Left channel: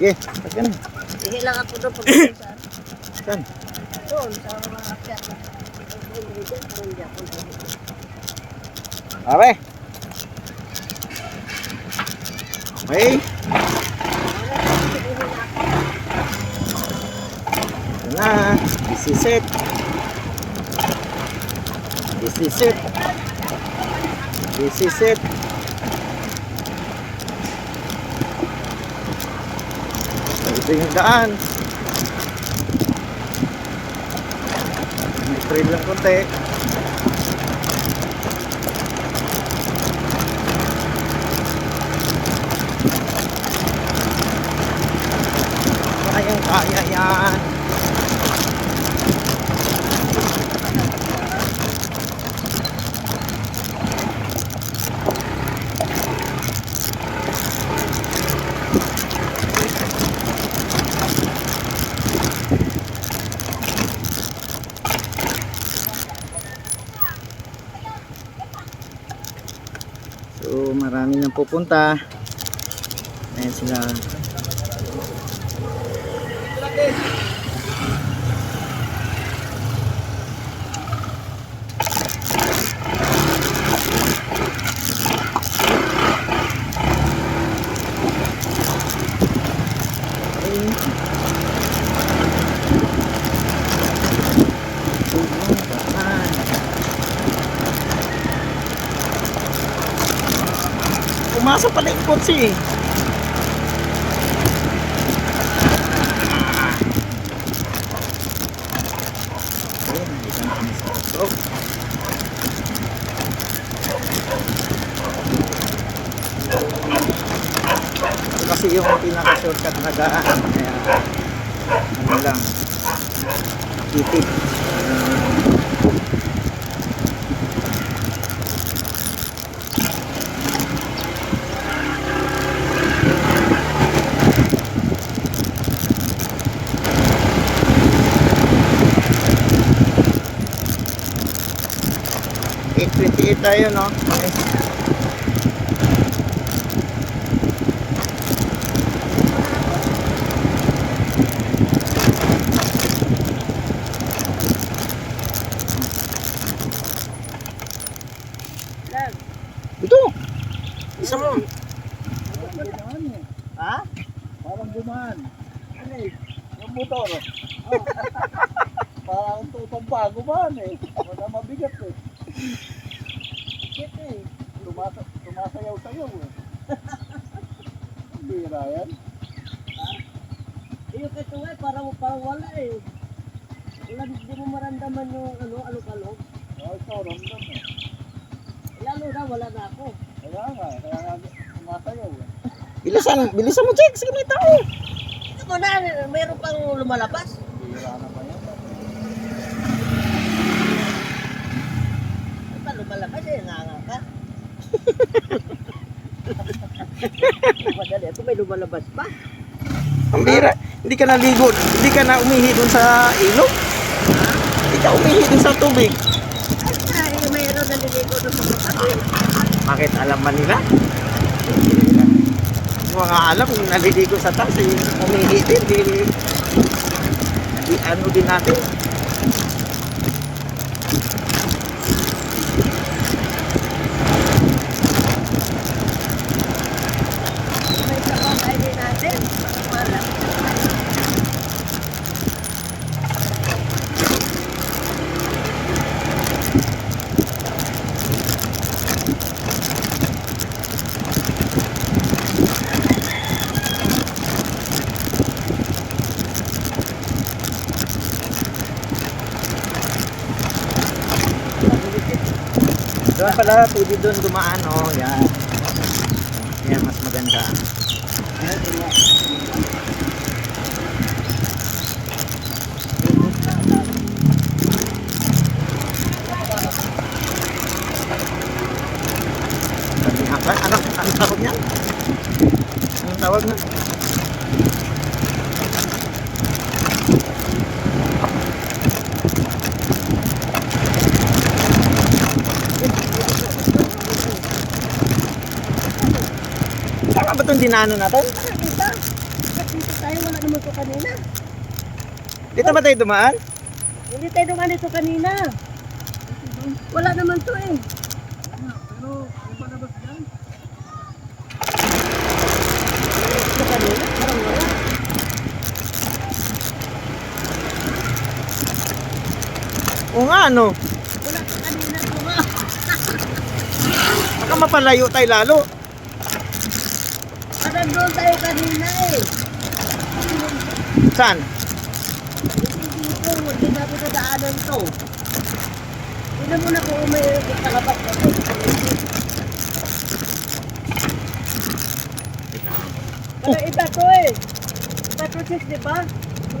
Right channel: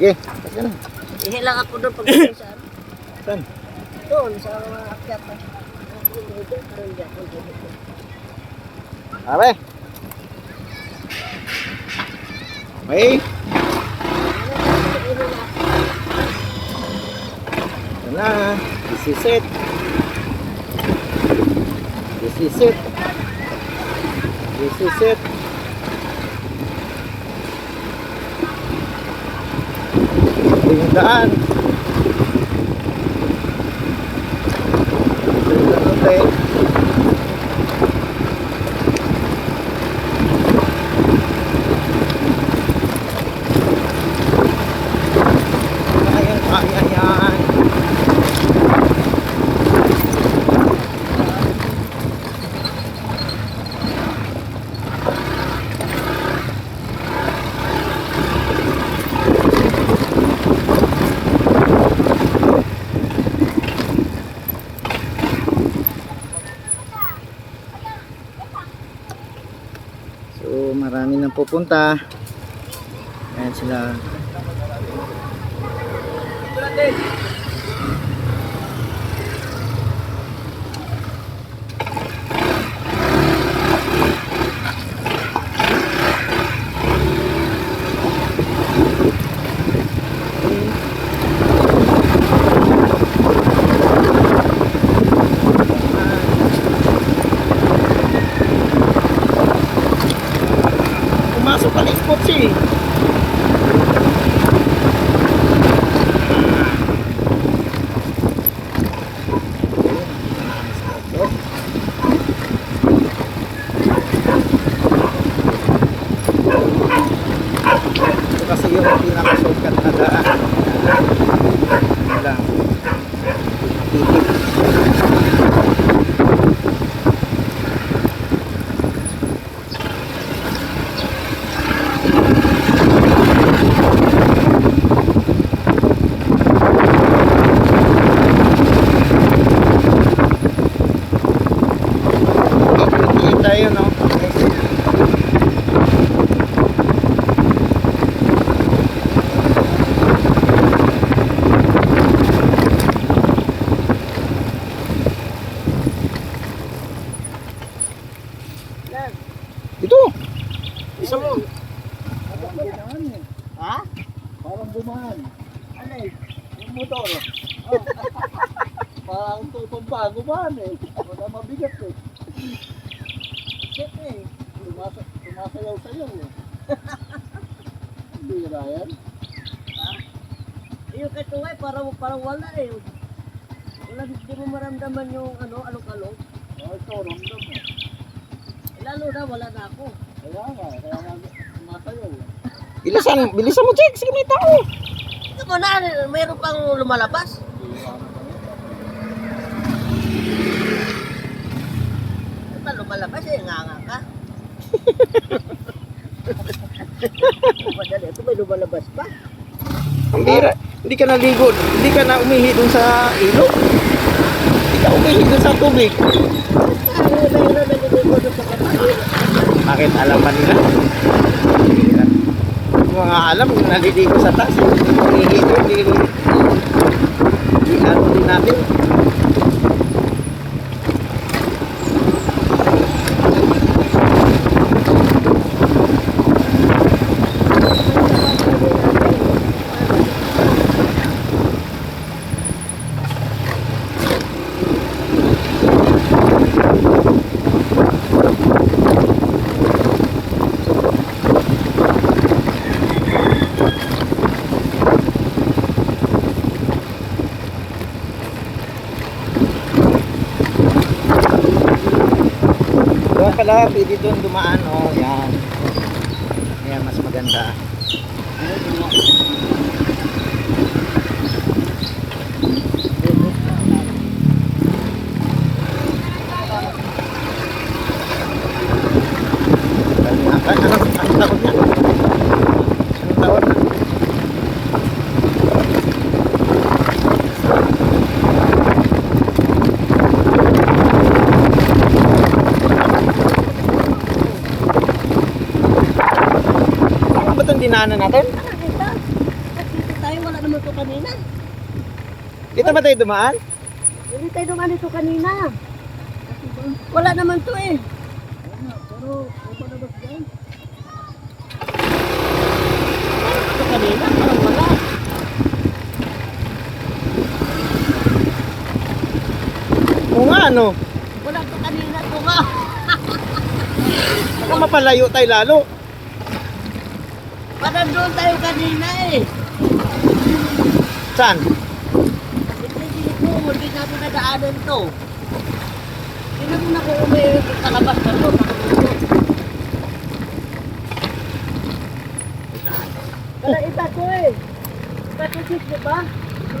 Sige, sige na. Ihilang ako doon pag saan. Saan? Doon, sa mga akyatan. Parang hindi ako dito. Pare. Okay. Ito na. This is it. This is it. This is it. Ito yung daan. Ito yung lang konti. Kaya yan. So marami nang pupunta. Ayan sila. Pumasok pala yung kotse eh. Ito kasi yung pinaka-shortcut na daan. Ano lang, titig. Tayo no. Okay. Ito. Isa mo. Ha? Parang bumaan. Ano eh? Yung motor. Parang tutong pa gumaan eh. Wala mabigat eh. Eh. Sumasayaw sayaw eh. Bira yan. Ha? Yung kay Tuway parang wala eh. Wala, hindi mo maramdaman yung alok-alok. Ito, ramdam mo. Lalo na wala na ako. Kaya nga sumasayaw eh. Bilisan mo, Jake. Sige, may tao. Ito mo na, mayroon pang lumalabas. Bira na ba yan? Lumalabas eh, nga ka. Madali, ako may lumalabas pa. Ang bira, hindi ka naligo, hindi ka na umihi dun sa ilog. Hindi ka umihi dun sa tubig. Ay, mayroon na niligo doon sa kapatid. Bakit alam ba nila? Mga alam, naliligo sa taas, umihi din, di ano din natin. Doon pala, pwede doon dumaan. Oh, yan. Yan, mas maganda. Anong tawag niya? Anong tawag na? Saan ba itong dinaanan natin? kanina. Dito ba tayo dumaan? Hindi tayo dumaan ito kanina. Wala naman to eh. Pero, kung palabas dyan, Ito kanina, parang wala. Oo nga, ano? Wala to kanina to nga. Baka mapalayo tayo lalo. Parang doon tayo kanina eh. Saan? Hindi dito, hindi natin nadaanan to. Tingnan mo na kung may kalabas na to. Wala iba to eh. Iba to sis, di ba?